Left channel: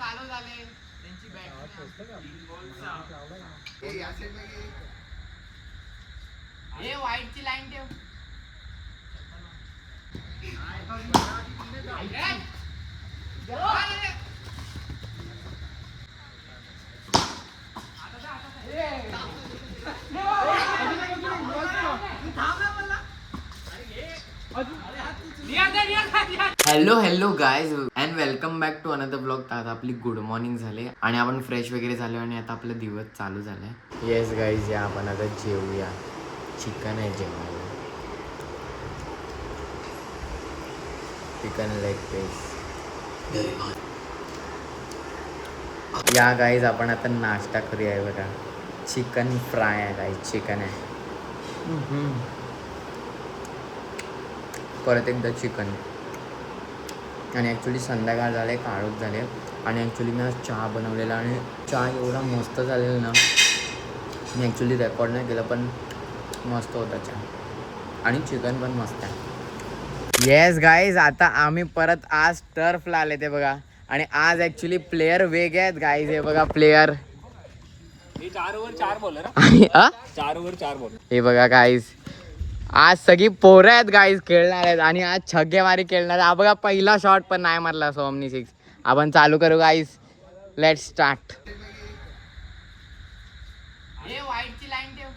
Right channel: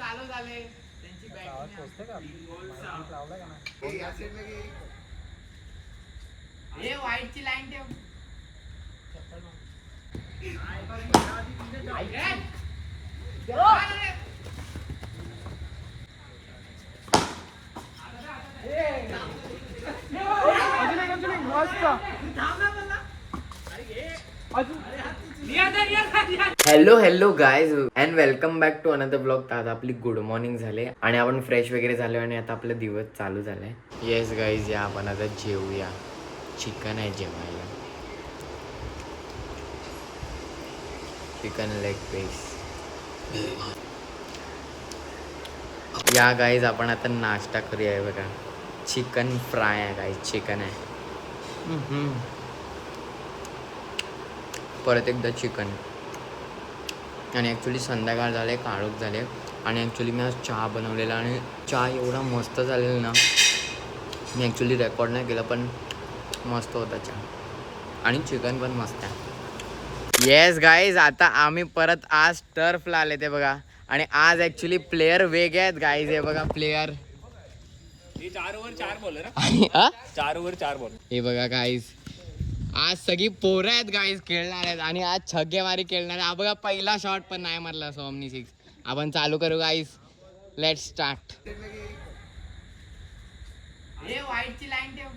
चालू झाले त्यांची बॅटिंग व्हाईटची लाईन ठेव. Hello guys and welcome back to another blog. तर आता आपली गुड मॉर्निंग झाले आणि आपण फ्रेश वगैरे झालो आणि आता आपला दिवस चालू झालाय. येस गाईज, या आपण आता जेवूया. चिकन आहे जेवायला, चिकन लेग पीस. या गाईज आपण आता नाश्ता करूया. आहे बघा, चिकन फ्राय आहे गाईज, चिकन आहे. परत एकदा चिकन. आणि ॲक्च्युली संध्याकाळ झाले, काळोख झाले आणि ॲक्च्युली मी आज चहा बनवलेला आणि चहा एवढा मस्त झालेला ना. मी ॲक्च्युली रेकॉर्ड नाही केलं पण मस्त होता चहा आणि चिकन पण मस्त आहे. येस गाईज, आता आम्ही परत आज टर्फला आले ते बघा. आणि आज ॲक्च्युली प्लेयर वेगळे आहेत गाईज. हे बघा player 4 over 4 bowler. 4 over 4 bowler. हे बघा गाईज, आज सगळी पोरं आहेत गाईज, खेळणार आहेत आणि आज छग्गेमारी खेळणार आहे. हा बघा पहिला शॉट पण नाही मारला सोमनी 6. आपण चालू करू गाईज, लेट स्टार्ट. व्हाईटची लाईन ठेव.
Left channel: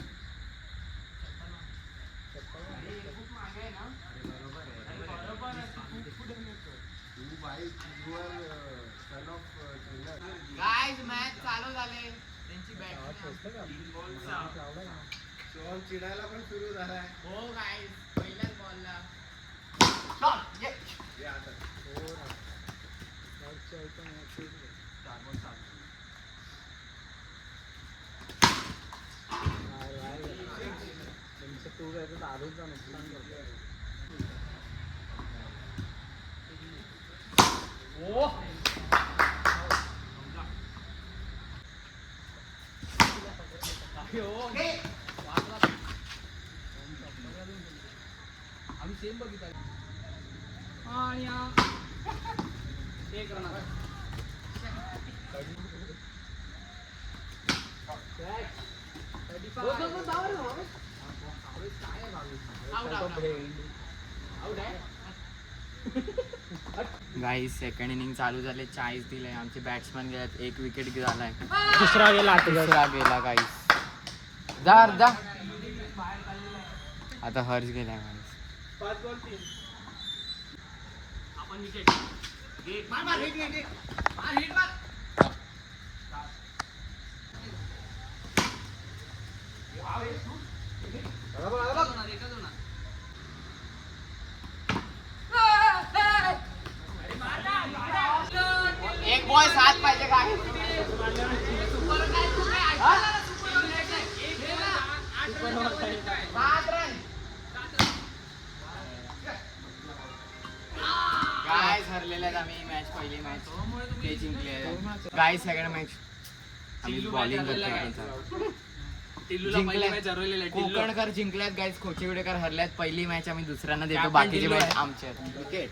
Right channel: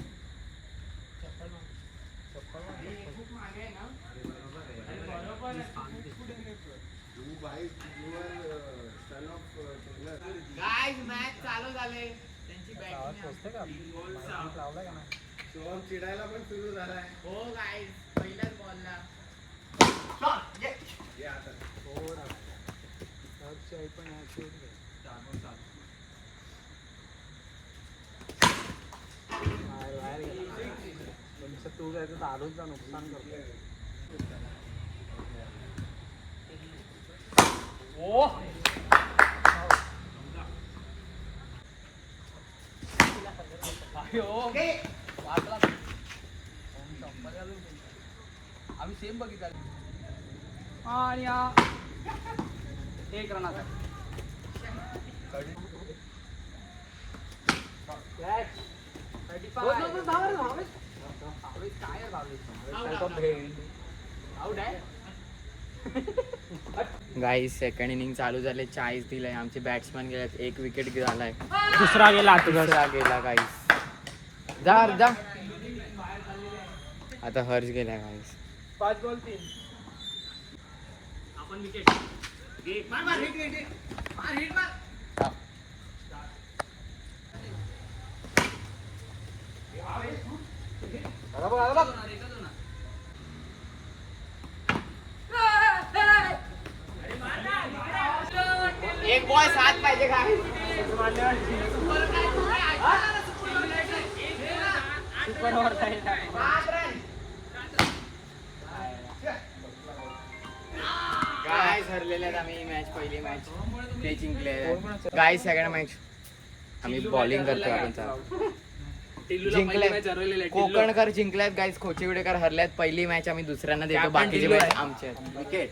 गाईज मॅच चालू झाले त्यांची बॅटिंग. चिडायला पण सुरू झाला. हो गाईज, पहिल्याच बॉलला आम्ही सेम बघितला आणि एक रन. गाईज सेकंड इनिंग चालू झाले, 40 दिले. आमचे बॅट्समॅन गेलेत, 1 विकेट झालाय. दुसरा गेला गाईज. जा आता हर्ष गेला गाईज. 5 बॉल 3. आपण विकेट एक बॉल 7 पाहिजे काय. गाईज हरलेले आहेत आम्ही. मॅच पहिली मॅच ते जिंकले. गाईज सेकंड मॅच आम्ही बॉलिंग करतोय. आपण जिंकले, कोकणकर जिंकल्यात गाईज, खोचिवडेकर हरल्यात. पहिली मॅच आम्ही दुसऱ्यांना देतो, बाकीचे मॅच आमच्या विकेट.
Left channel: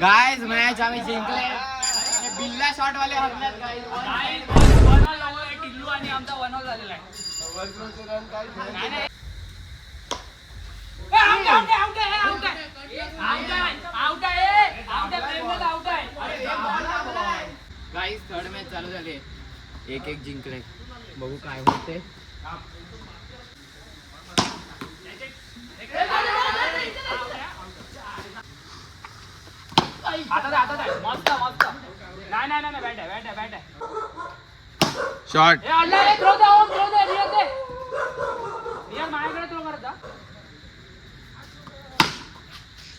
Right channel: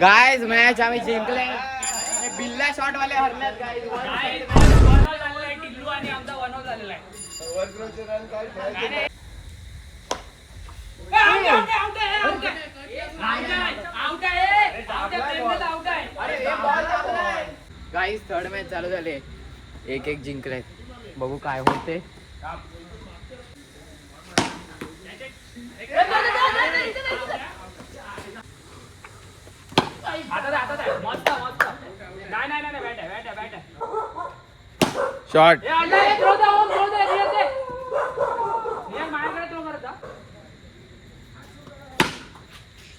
गाइस मॅच आम्ही जिंकले. हे बिल्ला शॉट वाले हरल्यात गाइस. टिल्लू आणि आमचा 1-0 झालेला आहे. गाइस थर्ड मॅच चालू झाले. 1-1 जिंकले. बघू काय होते. मस्त मस्त. नाही बॅट आहे. शॉट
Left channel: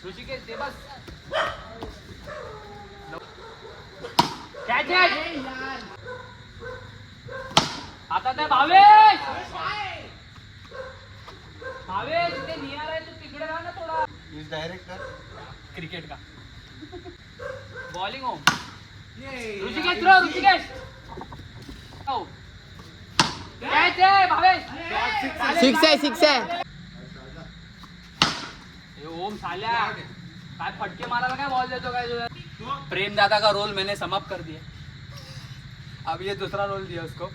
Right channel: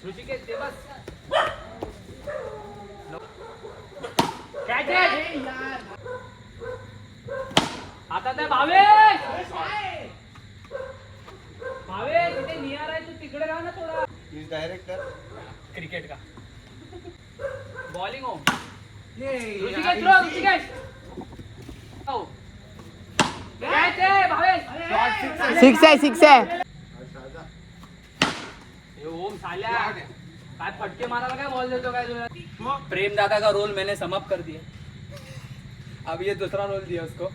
ऋषिकेश ते बस. आता त्या भावेश तिथे नियर आहे. तू तिकडे राहा ना थोडा. डायरेक्टर क्रिकेट का बॉलिंग हो. ऋषिकेश थ्रो. ऋषिकेश हो. कॅच आहे भावेश. सिक्स आहे. ओम साल्या काय फटके मारायला काय बॉल देतो काय तुझा. प्रेम दादा का रोल मैंने समाप्त कर दिया. अब ये दूसरा रोल दिया उसको.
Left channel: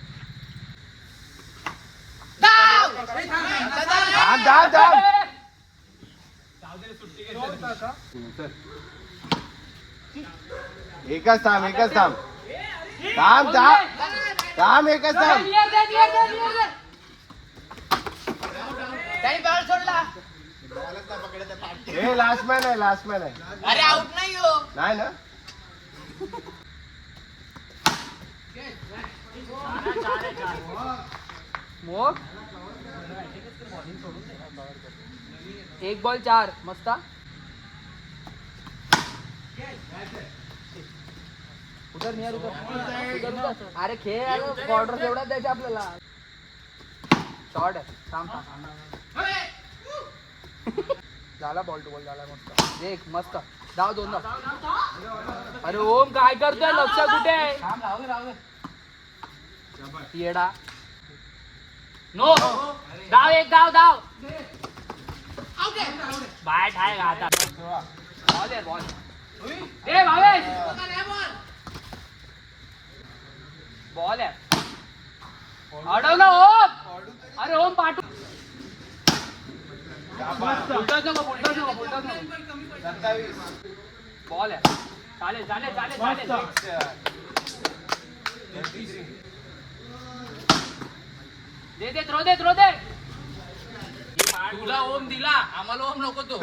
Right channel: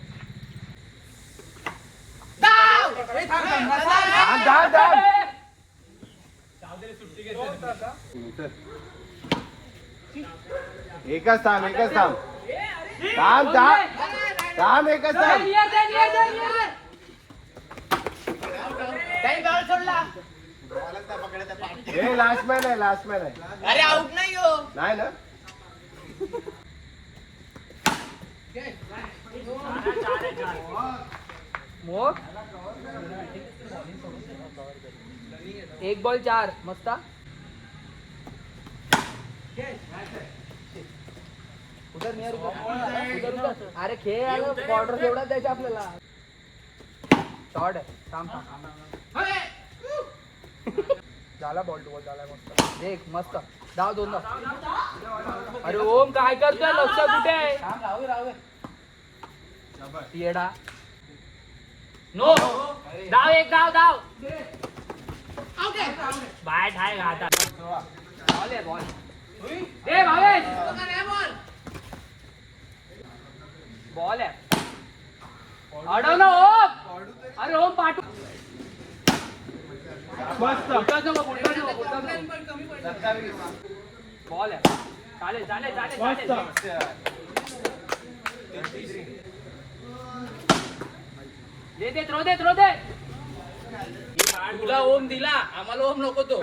एकच थांब एकच थांब. हे लास्ट मॅन आहे. अरे आउट नाही हो. नाही ना. मोक 1 बॉल 4 मस्त. उधर नियर उधर. अरे खेळ बॉर्डर तेवढा द्यायचा आपल्याला. शॉर्ट आहे. थांब झाला. बॉल टू बॉल झाला. मस्त देख. मस्त धाव 2. अरे ओम काय करतोय. लक्ष कुठे आहे. राहू येडा. नो धाव. 1 धाव. बॅट आहे घाटा. बॉल दे भावेश. बॉल आहे. अडवलं ओम. अरे ओम पाठव. बॉल आहे. चालेल. दे थ्रो दे. तुला ओम दिला. आम्हाला ओम नको तो.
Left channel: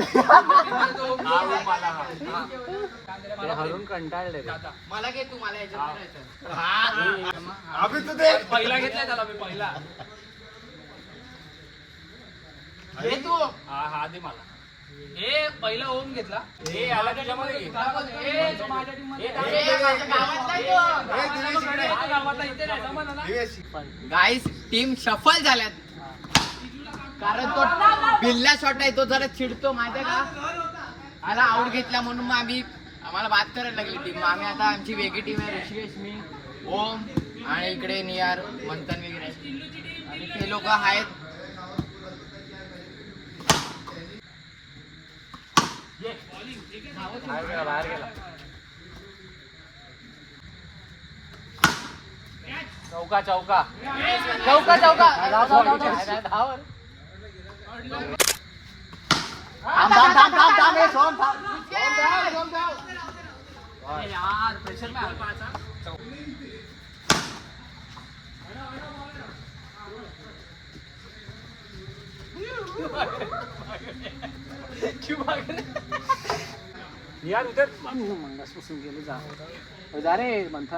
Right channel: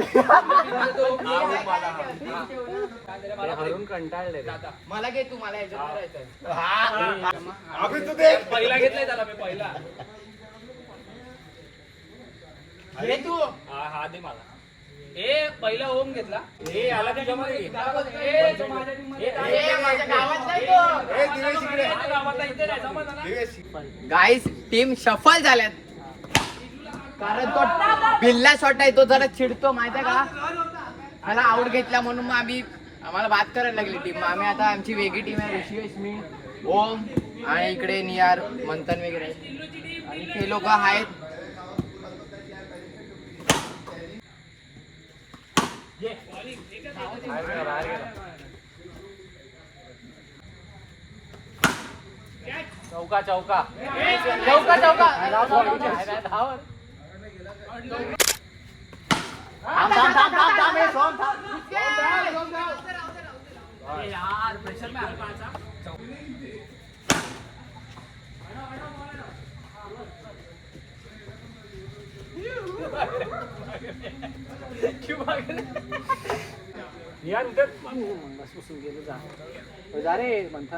कंटाळले. मला घे तू. मला याच्यात करायचं. पहिला घेतलाय त्याला मी. पहिला घे तू. हा दे मला. हे पहिला ओम घेतला. हे आला त्याच्यामध्ये. तो माझ्या टीम मध्ये. माझ्या गावात नाही तो. गावातला इथे नाही. जमलं ना. गाईस टीम शफल झाल्यात. कारण तो बिल्ला शॉट आहे. तो जरा चिडतो माहितीये का. मला आउट घेतला म्हणून मग आम्हाला बात करायला लागली टीम. आम्ही आता आमची वेगळी टीम आहे. ऋषिकेश, मी, ओम आणि इकडे नियार मंथन वगैरे आणि ते लोक आहेत. चौका. यार प्रेशर में यार उधर जा रे मंथा.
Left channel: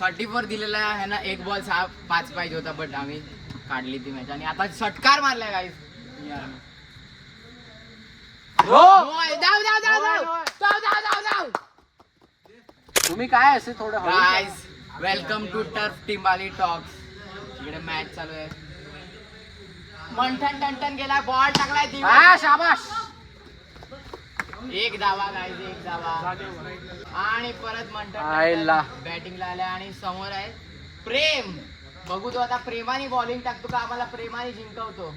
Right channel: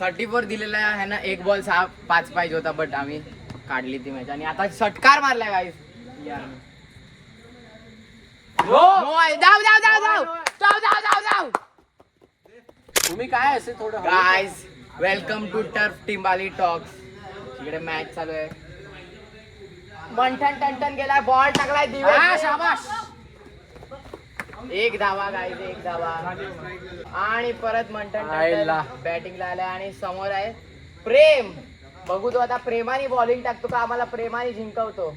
34 दिलेला आहे ना. 1 बॉल 6-5 पाहिजे होता. बट आम्ही काढली ती मॅच आणि आता षटकार मारलाय गाईस. तुम्ही काय असे थोडं गाईस वेलकम टू टर्फ टिंबाली टॉक्स. इकडे मॅच चालू आहे. मंथन टंटन गेलाय, बॉल टाकलाय दिवे. शाबाश. एक धावा गाईज, एक धावा. आणि परत मंथन टंटन बॅटिंगला आलाय आणि समोर आहे प्रेम. बघू तो आता प्रेमाने बॉलिंग टाकतो का आम्हाला प्रेमाने जिंकवतो.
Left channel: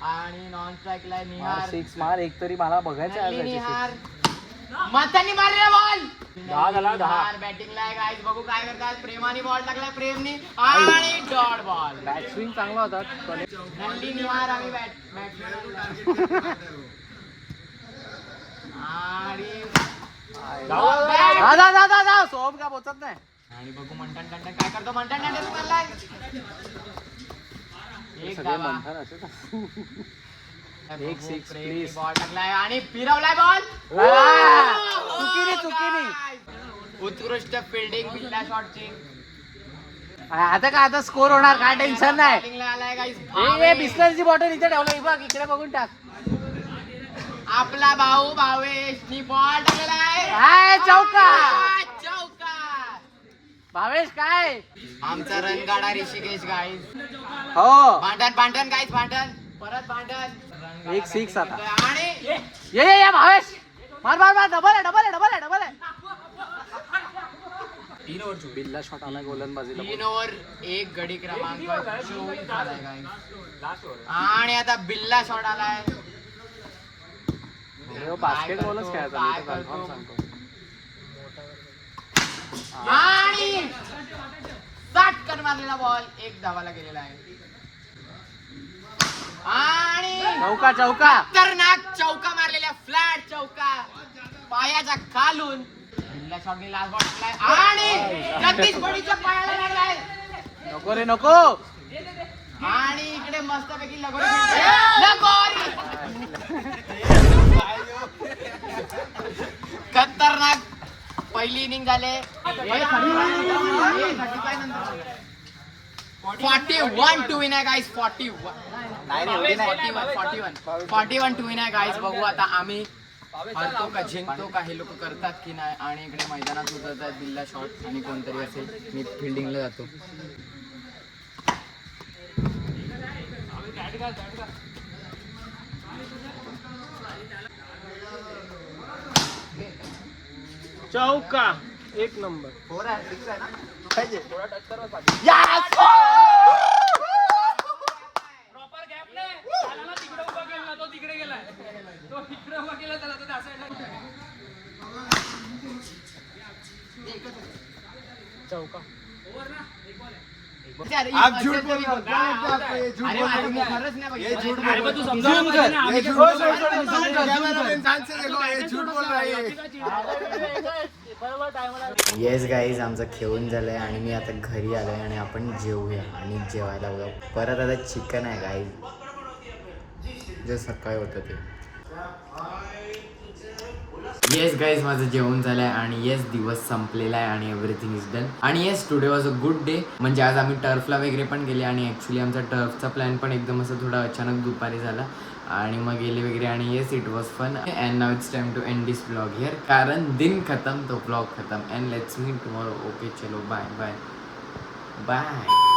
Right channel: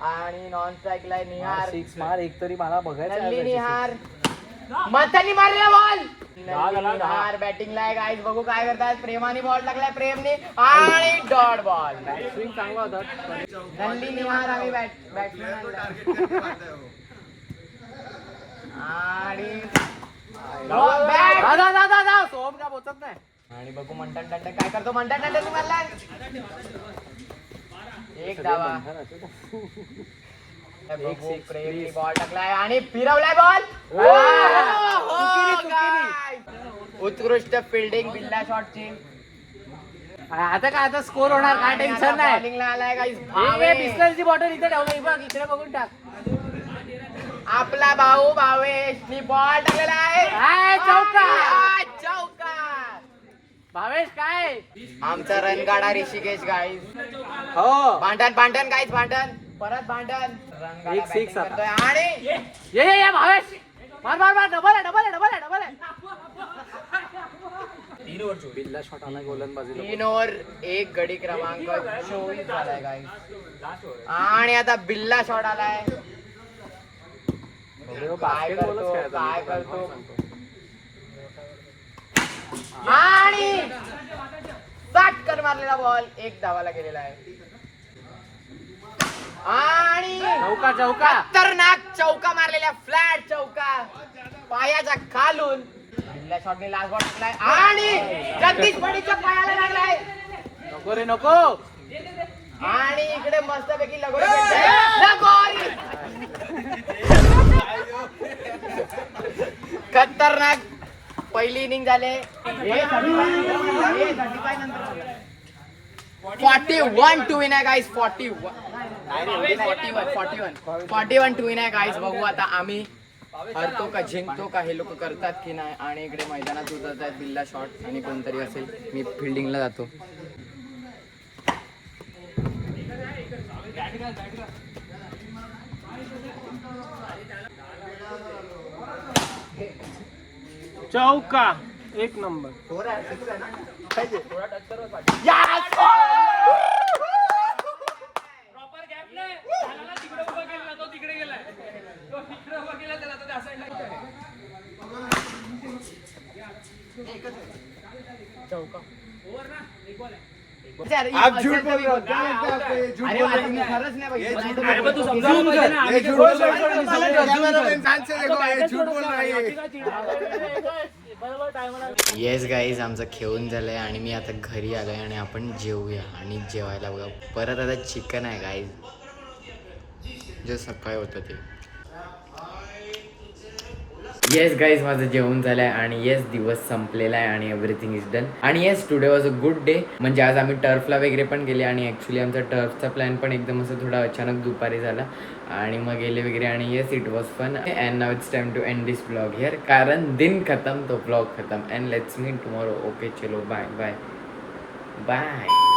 आणि नॉन स्ट्राईकला आहे निहार. सिक्स मार एक तरी मला बघायचं नल्ली आहे. निहार मंथननी मारलेला बॉल. निहार बॅटिंगला आहे गाईज. बघू काय करतात. प्रेमाने बॉल टाकलाय प्रेमने आणि डॉट बॉल. स्विंग चांगला होता. नल्ली निहार आम्ही बॅट्समॅन आणि सोहम का पोचत नाही. आणि बघू मंथन टंटन काय करतो. मंथन टंटन तुम्हाला एक धावा. एक six, please. बॉल टाकलाय आणि फिरवलाय बॉल. उत्कृष्ट फिल्डिंग बिल्ला शॉटची. आता का आता स्कोर होणार काय टेन्शन नाही. बॉलिंगला आलाय गाईस. बिस्लरची बॉटल इथे ठेवलं बघ इकडे बघून टाक. आपला भाऊ भावेशनी बॉल टाकलेला आहे. चौका. चौका. भावेश काय आमचा रणगाडा ऋषिकेश गाईस. हो भांडण भांडण गाईस भांडण. परत भांडण. एक six आता. आणि ये भावेश मार मार मार. डबल आहे डबल आहे डबल आहे डबल आहे. बिल्ला शॉट आला गोलंदाजीला. 3 ओव्हर 1 गडी क्रमांक 24 झालाय गाईस. आणि आता बिल्ला शॉट आलाय. काय करतो काय करतो. आणि 60 कर मारलेला बॉल. एक धावाला गेलेला आहे. आणि चौका चौका. खतरनाक चौका मारलेला. फ्लॅट चौका पायाच्या खालून. बिल्ला शॉटने लास्ट बॉल टाकलाय आणि जगदीश बडीच्या पायाला लागलाय. नको रे नको. आणि इकडे मस्तपैकी लगोरी खेळताय. लगोरी. खतरनाक पहिली इनिंग झाले. 41 टू विन आहे गाईस. 41 टू विन आहे गाईस. बघू आता आम्ही हरतो का जिंकतो का हे लोक करतात की नाही. आणि इकडे मैदानात उतरतात बिल्ला शॉट आणि कोणतरी असेल. मी फिल्डिंगला जातो. चौका एक नंबर. आप झूठ बोल रहे हो. क्या लगता है आपको ये झूठ अरे बोल रहे तुम्ही हो? खरंच नाही बघितलं. ये झूठ अरे पण तू बोल समजायला पाहिजे ना. ये झूठ बोल रहा है. कैमरा इंसान से देखो ये झूठ बोल रहा है. येस गाईज आमचं खेळून झालंय आणि मी आता घरी आलोय आणि आपण जेवूया आणि जेवायला बघा. परत आता चिकन आहे गाईज जे सकाळी होतं ते. येस गाईज माझं जेवण झालंय आणि येस दिवस संपलेला आहे आणि एव्हरीथिंग इज डन. आणि yes today was a good day. म्हणजे आज आम्ही टर्फला वगैरे पण गेले आणि ॲक्च्युली आमचा टर्फचा प्लॅन पण एकदम असं थोडा अचानक दुपारी झाला आणि मग गेले वगैरे. आणि yes it was fun. And now it's time to end this blog here. कारण दिन खत्म तो ब्लॉग खत्म. And let's meet tomorrow. Okay चलो बाय बाय बाय.